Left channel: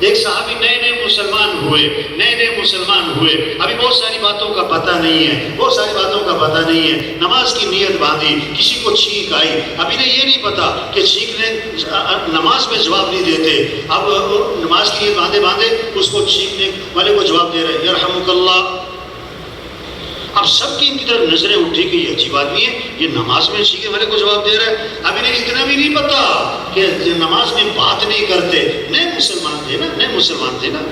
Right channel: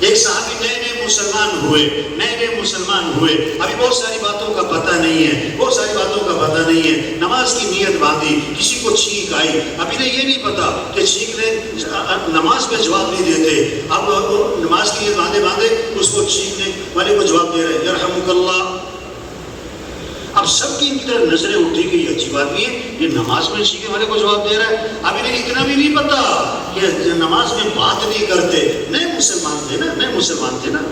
ایک صحابی نئے مسلمان ہوئے، ابھی بہت ساری باتوں کا پتہ نہیں ہے، نماز کی نیت باندھی، کسی کو چھینک آئی، ابھی نے یہ نہیں پتا کہ چھینکنے نماز میں جواب نہیں دیتے، اب نماز کی نیت باندھے اس کو چھینکنے والے کو جواب دے رہے یرحمک اللہ۔ اب سب کی طرف نظریں اٹھی کہ یہ عجیب آدمی ہے، یہ نماز میں چھینکنے والے کو جواب دے رہا ہے۔ اب انہیں اتنا بھی نہیں پتا کہ نماز میں بات نہیں کرتے، نئے مسلمان تھے نا،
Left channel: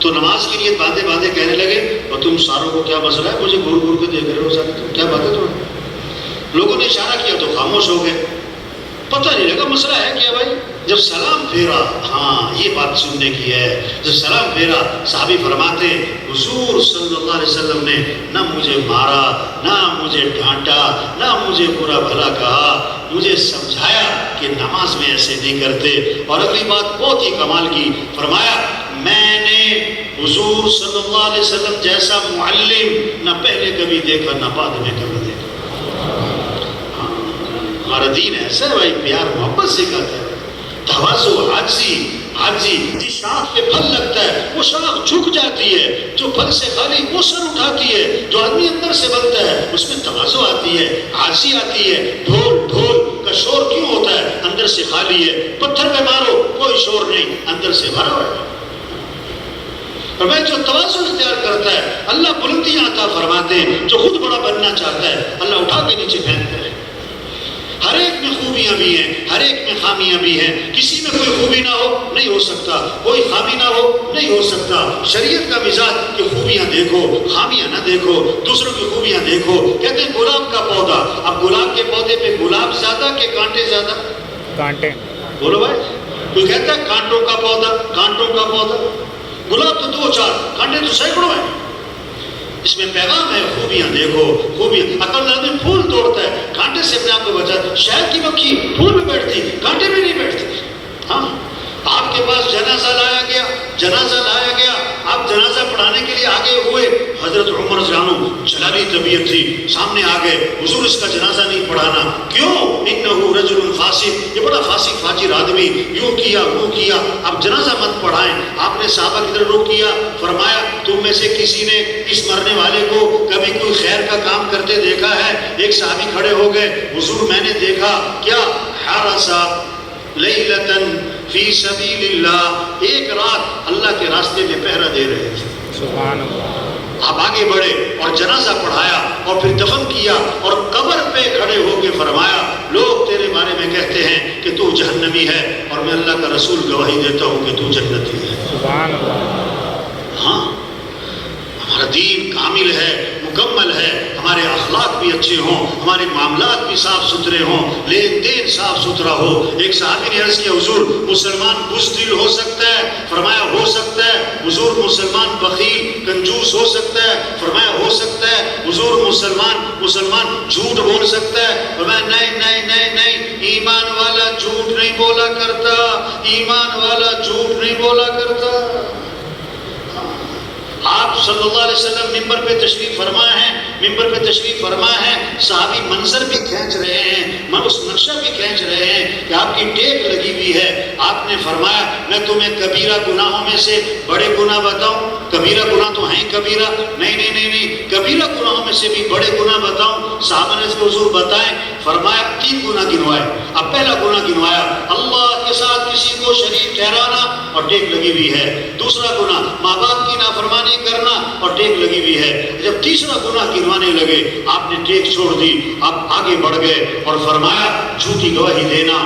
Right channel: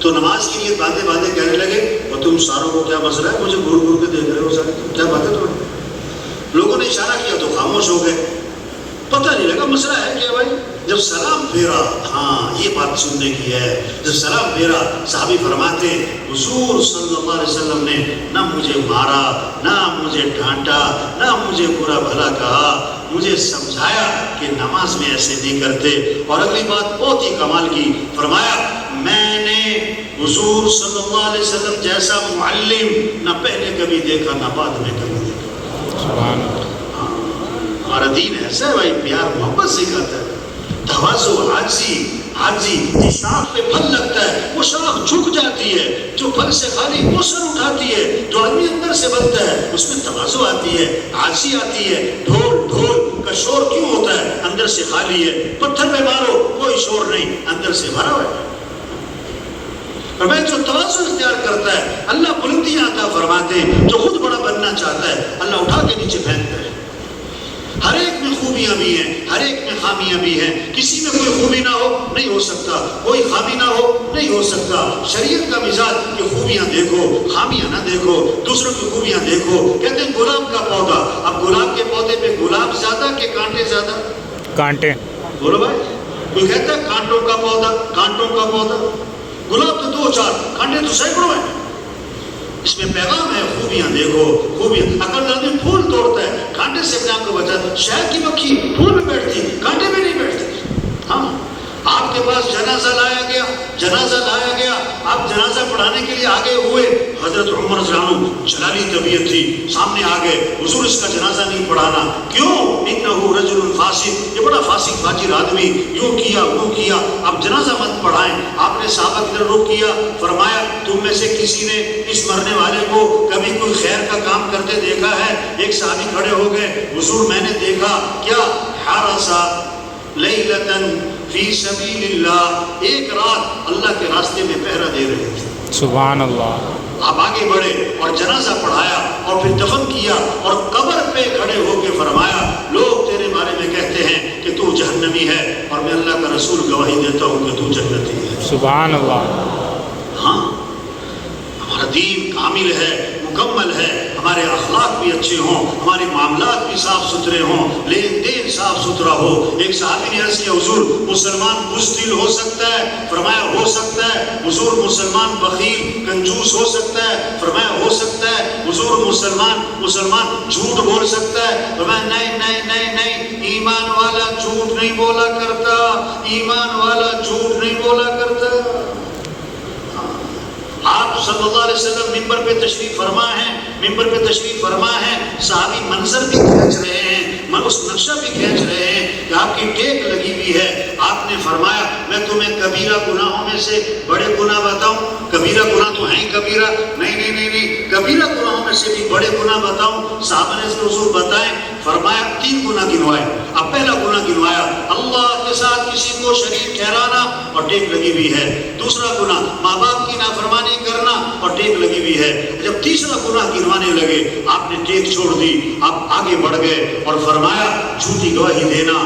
تو نماز کی نیت باندھے کہنے لگے اور تم ساروں کو کیا مسئلہ ہے، مجھے گھور گھور کے دیکھ رہے ہو سارے، تم کیا بات ہے تمہیں؟ لوگوں نے اشارہ کیا تو خاموش ہو گئے، پتہ نہیں لگا مسئلہ ہے کیا بھائی۔ جب سلام پھیرا، ہاں یہ بات سننے کی ہے، جب سلام پھیرا صحابی فرماتے حضور صلی اللہ علیہ وسلم نے نہ مجھے مارا، نہ مجھے ڈانٹا، نہ مجھے برا بھلا کہا، مجھے سمجھایا کہ نماز میں ایسے نہیں کرتے۔ اور اگلی بات بہت ہی کمال کی، فرمایا میں نے حضور صلی اللہ علیہ وسلم جیسا معلم نہ پہلے کبھی دیکھا نہ بعد میں کبھی دیکھا۔ ہمارا دین ایسا ہے بھائی، پیار محبت سکھاتا ہے، تواضع، عاجزی، جس شاخ پہ پھل لگتا ہے وہ شاخ جھک جاتی ہے، جو پھل سے خالی وہ سر اٹھاتی ہے، جو آدمی اندر سے بنتا ہے اس میں تواضع آتی ہے، عاجزی آتی ہے۔ ڈھول کا شور کیوں ہوتا ہے؟ اندر سے خالی ہے۔ پتھر پہ مارو کوئی شور نہیں، اندر سے بھرا ہوا ہے۔ اور میں جو تواضع اختیار کرتا ہے اللہ بلندیاں عطا فرماتے ہیں، جو خود بڑا بننا چاہتا ہے اللہ اٹھا کے نیچے پھینکتا ہے۔ ہر ایک میں خوبیاں بھی ہیں، ہر ایک میں خامیاں بھی ہیں، کسی میں کوئی خوبی نہ ہو نہیں ہو سکتا، کوئی خامی نہ ہو نہیں ہو سکتا۔ شریعت کا مزاج کہ خوبیاں دیکھو، خامیاں نہ دیکھو، دوسروں کی خوبیاں دیکھو۔ کہتے ہیں گلاب کا پودا، اب گلاب کے پودے پہ گلاب زیادہ کہ کانٹے زیادہ؟ کانٹے۔ بولو بھائی، کوئی کہتا ہے کانٹوں کا پودا، گلاب تو 2-4، کانٹے تو سینکڑوں ہیں۔ اس میں پیغام ہے خوبیاں دیکھو، خوبیاں۔ عقل آدمی پھول توڑتا ہے، کانٹے سے اپنے آپ کو بچاتا۔ شہد کی مکھی پھول میں بیٹھتی، کانٹے میں نہیں بیٹھتی۔ ہاں، آپ کے پاس جنازہ لایا گیا، آپ جنازہ پڑھانے کے لیے آگے ہوئے، حضرت عمر جانو جلالی طبیعت تھی، سامنے آ گئے، حضور اس کا جنازہ نہیں پڑھانا۔ کیوں؟ انہو رجل فاسق، یہ بڑا فاسق فاجر آدمی، یوں کیا وہ کیا، اب جنازہ مت پڑھائیں۔ آپ نے صحابہ کی طرف رخ کیا، فرمایا تم میں سے کسی نے اس مرنے والے کو کبھی کوئی خیر کا کام کرتے دیکھا ہے؟ ایک صحابی کھڑے ہو گئے، حضور میں نے دیکھا، کیا؟ حرسا لیلتن فی سبیل اللہ، ایک رات اللہ کے راستے میں پہرا دے رہے تھے۔ سبحان اللہ۔ آپ آگے بڑھے اور جنازہ پڑھایا اور پھر دفن کیا اور قبر پہ کھڑے ہو کے فرمایا لوگ تیرے بارے میں کہتے ہیں کہ تو جہنمی ہے اور میں اللہ کا رسول گواہی دیتا ہوں کہ تو جنتی ہے۔ سبحان اللہ۔ ہاں، ہمارا دین کامل ہے، مکمل ہے، ہمارے اخلاق بھی اچھے ہوں، ہمارے معاملات بھی صاف ستھرے ہوں، لین دین صاف ستھرا ہو۔ ایک صحابی نے عرض کیا حضور مسلمان بزدل ہو سکتا ہے؟ فرمایا ہو سکتا ہے۔ حضور مسلمان بخیل کنجوس ہو سکتا ہے؟ فرمایا ہو سکتا ہے۔ حضور مسلمان جھوٹ بول سکتا ہے؟ فرمایا نہیں، ایمان والا جھوٹ نہیں بولا کرتا، ایمان والا جھوٹ نہیں بولا کرتا۔ آپ صلی اللہ علیہ وسلم ممبر پہ تشریف فرما ہے، صحابی منظر بھی کھینچ رہے ہیں، اس نقشہ بھی کھینچ رہے ہیں کہ آپ کی ٹیک لگی ہوئی ہے۔ آپ نے فرمایا میں تمہیں کبیرہ گناہوں میں سے بڑے گناہ بتاؤں؟ کبیرہ گناہ تو ہیں کبیرہ، نہیں، کبیرہ گناہوں میں سے بھی بڑے گناہ بتاؤں؟ صحابہ نے اس کو حضور بتائیں۔ فرمایا 3 گناہ گنوائے۔ اب پہلا گناہ گنوایا اللہ کے ساتھ کسی کو شریک ٹھہرانا اور ٹیک لگی ہوئی ہے۔ دوسرا گناہ ماں باپ کی نافرمانی کرنا اور ٹیک لگی ہوئی ہے۔ جب تیسرا گناہ گنوانے لگے آپ نے ٹیک چھوڑ دی، آپ آگے بڑھ گئے اور فرمایا جھوٹی گواہی دینا۔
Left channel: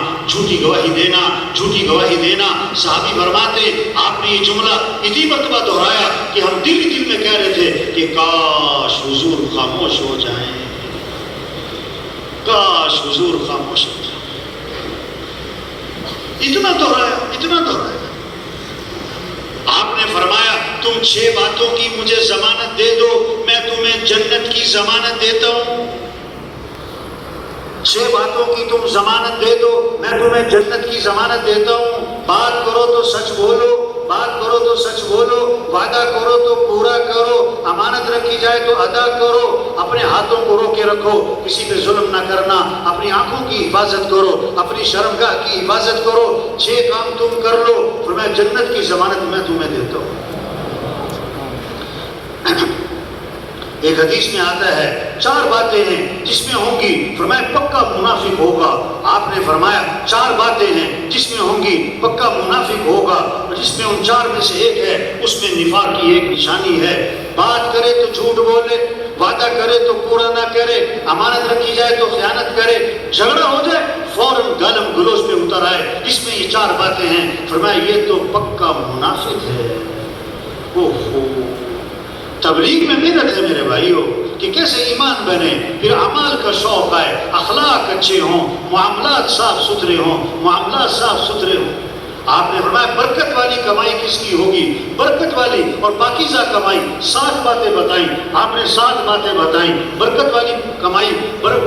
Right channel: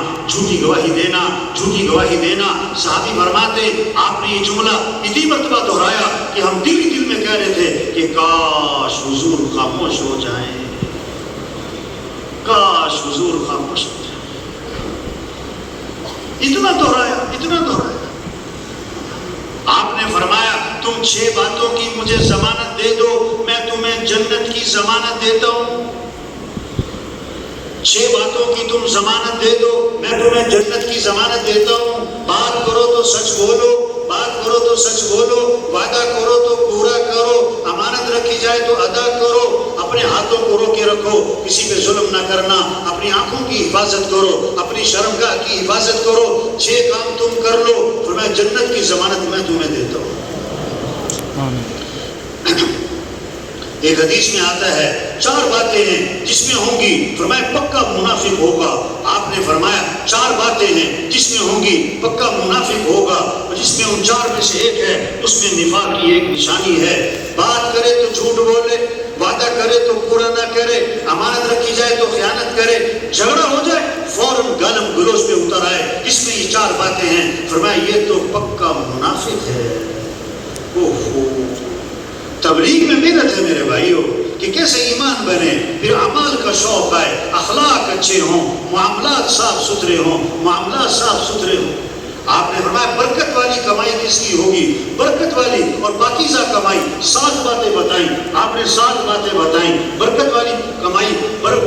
صحابی فرماتے آپ نے یہ جملہ اتنی مرتبہ دہرایا کہ ہم دل میں کہہ رہے تھے کہ کاش حضور خاموش ہو جائیں، کاش حضور خاموش ہو جائیں۔ اتنا دہرایا۔ آپ نے فرمایا تم 6 باتوں کی مجھے ضمانت دے دو، میں تمہیں جنت کی ضمانت دیتا ہوں۔ 6 باتوں کی تم ضمانت دے دو، میں تمہیں جنت کی ضمانت دیتا ہوں۔ بات کرو تو سچ بولو، وعدہ کرو تو پورا کرو، امانت رکھی جائے تو ادا کرو، اپنے ہاتھوں کو روکے کے رکھو، کسی پہ ظلم نہ کرنا، اپنی آنکھوں کی حفاظت کرو، اپنی شرمگاہ کی حفاظت کرو، 6 کام تم کر لو، فرمایا جنت کی ضمانت میں تمہیں دیتا ہوں۔ ایک حدیث میں آتا ہے 4 باتیں ہیں جس میں ہوں گی، فرمایا پکا منافق ہوگا۔ آپ نے فرمایا 4 باتیں ہیں جس میں ہوں گی پکا منافق ہوگا، جس میں ان 4 میں سے ایک ہے، اس میں نفاق کی ایک نشانی ہے۔ بات کرے تو جھوٹ بولے، وعدہ کرے تو پورا نہ کرے، امانت رکھی جائے تو خیانت کرے، جھگڑا ہو جائے فوراً گالم گلوچ پہ اتر آئے۔ اس میں یہ 4 باتیں ہیں، فرمایا یہ تو پکا منافق ہے۔ اوہو، تبلیغ میں محنت ہے میرے بھائیو کہ کیسے ایمان بنے، پھر اعمال کا شوق آئے، اخلاق اچھے ہوں، معاملات صاف ستھرے ہوں، معاملات صاف ستھرے ہوں۔ آپ نے فرمایا برکت والی کمائی کس کی ہوگی؟ برکت والی اور پاکیزہ کمائی۔ 7 باتیں بتائیں آپ نے، 7 باتیں بتائیں۔ برکت والی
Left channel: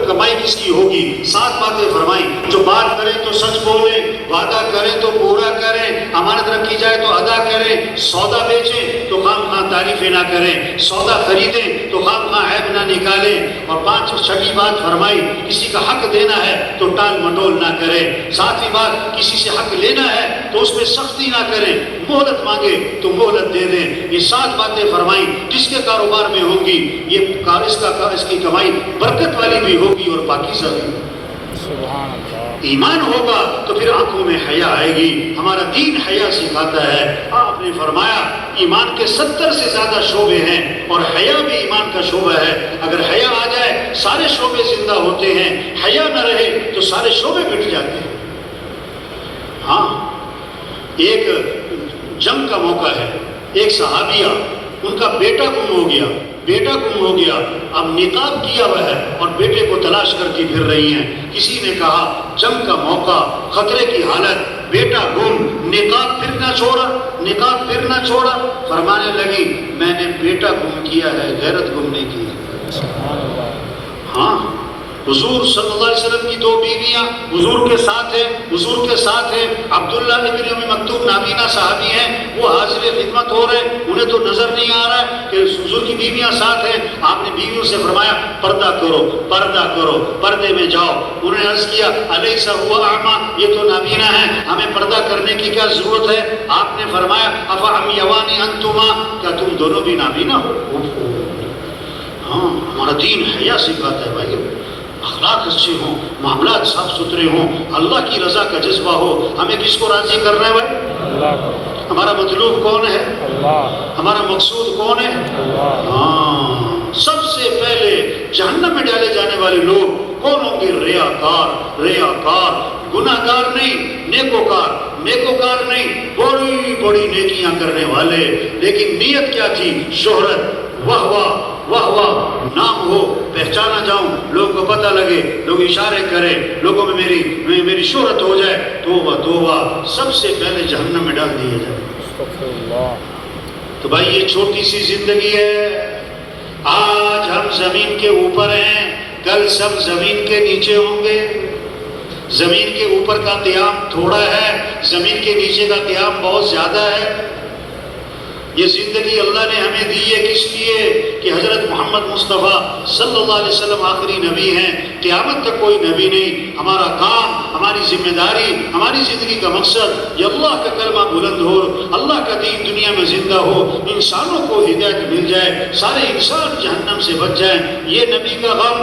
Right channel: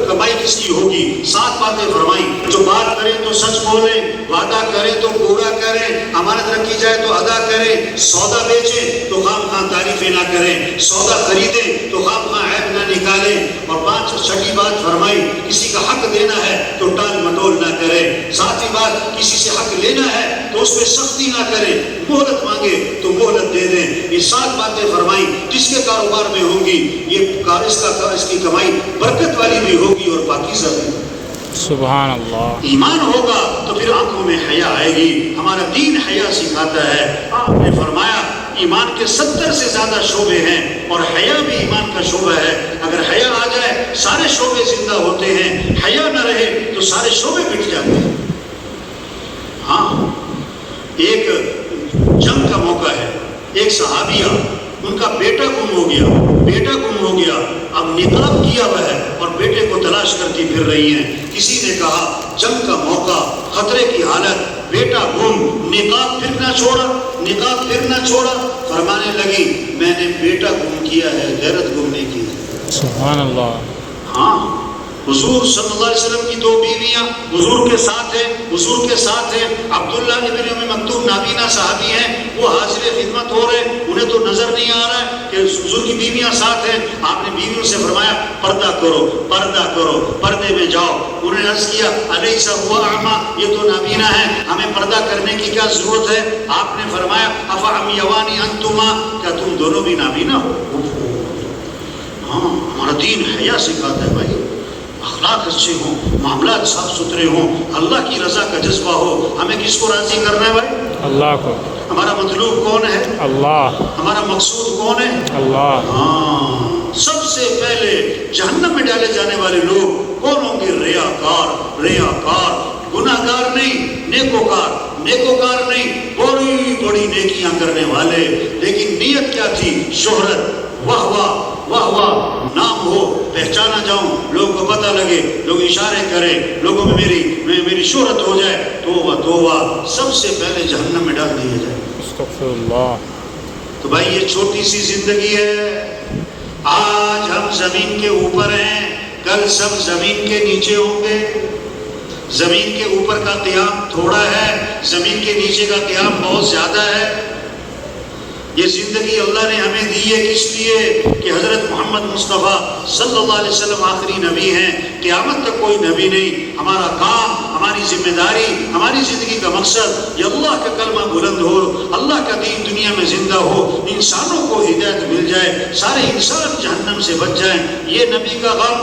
کمائی کس کی ہوگی؟ 7 باتیں فرمائیں۔ جو بات کرے تو سچ بولے، وعدہ کرے تو پورا کرے، امانت رکھی جائے تو ادا کرے، سودا بیچیں تو خام خواہ تعریفیں نہ کریں، سودا خریدیں تو خام خواہ عیب نہ نکالیں، اور 6 بات فرمائی کسی کا حق دینا ہے تو ٹال مٹول نہ کریں، 7ویں بات کسی سے حق لینا ہے تو اس میں سختی نہ کریں، مہلت مانگے تو مہلت دے دیں۔ یہ 7 باتیں فرمائیں، جس کے کاروبار میں ہوں گی یہ اس کی کمائی برکت والی بھی ہوگی اور پاکیزہ بھی۔ سبحان اللہ۔ ایمان ہوگا تو پھر آنکھوں میں حیا آئے گی، ہمارا دین حیا سکھاتا ہے۔ آپ نے فرمایا ایمان کے 70 سے زیادہ شعبے ہیں اور حیا بھی ایمان کا شعبہ ہے۔ اگر حیا آ جائے سارے شعبے زندہ ہوتے ہیں، حیا نہ رہے تو سارے شعبے مٹ جاتے ہیں۔ ہاں، ایک جنگ کا موقع ہے، ایک صحابیہ ان کا بیٹا گم ہو گیا، اب نقاب کیا ہوا ہے اور بیٹے کو تلاش کرتی پھر رہی ہیں۔ کسی نے کہا جنگ کا موقع، خطرے کی حالت، بیٹا گم، نقاب پھر نہ چھوڑا، فرمانے لگی میں نے بیٹا گم کیا ہے، غیرت گم نہیں کی۔ سبحان اللہ۔ ہاں، حضور صلی اللہ علیہ وسلم کی 2 بیویاں حضور کے ساتھ ہیں، عبداللہ ابن ام مکتوم نابینا صحابی ہیں، وہ حاضر خدمت ہو رہے ہیں، انہیں تو نظر نہیں آ رہا ہے کہ حضور کی بیویاں ساتھ ہیں۔ آپ نے بیویوں سے فرمایا پردہ کرو، پردے میں جاؤ۔ انہوں نے عرض کیا الیس هو اعمی، یہ تو نابینا ہے، ہمیں پردہ کرنے کی کیا ضرورت ہے؟ آپ نے فرمایا افعمیوانی انتما، کیا تم دونوں بھی نابینا ہو؟ ہاں، ہمارا دین حیا سکھاتا ہے بھائی، اخلاق اچھے ہوں، معاملات صاف ستھرے ہوں، اللہ کی رضا کا جذبہ ہو۔ ہمیں کس کو راضی کرنا ہے بھائی؟ اللہ کو۔ ہمارا مطلوب کون ہے؟ اللہ۔ ہمارا مقصود کون ہے؟ اللہ۔ ہاں، سب سے پہلے جہنم میں ڈالے جانے والے لوگ کون ہوں گے؟ ریاکار، گناہگار نہیں، نیکوکار نہیں، بڑی بڑی نیکیاں کرنے والے، لیکن نیت کیا تھی؟ شہرت، واہ، نام ہو، پہچانا جاؤں، لوگوں کو پتہ لگے، لوگ اشارے کریں، لوگوں میں میری شہرت ہو جائے، توبہ، سب سے پہلے جہنم میں ڈال دیا جائے۔ استغفر اللہ۔ تو بھائی یہ چھوٹی سی زندگی ہے، آج ہم زمین کے اوپر ہیں، کل سب زمین کے نیچے ہوں گے۔ زمین کے اوپر کا قیام تھوڑا ہے، زمین کے نیچے کا قیام بہت زیادہ ہے۔ یہ زندگی اللہ نے ہمیں دی ہے کس لیے؟ کہ حضرت محمد مصطفیٰ صلی اللہ علیہ وسلم آخری نبی ہیں، قیامت تک کوئی نبی نہیں۔ ہمارا کام، ہماری ذمہ داری، ہماری زندگی کا مقصد یہ اللہ کا کلمہ بلند ہو، اللہ کا دین دنیا میں زندہ ہو، انسانوں کو ہدایت مل جائے، سارے انسان جہنم سے بچ جائیں۔ یہ نبی کا غم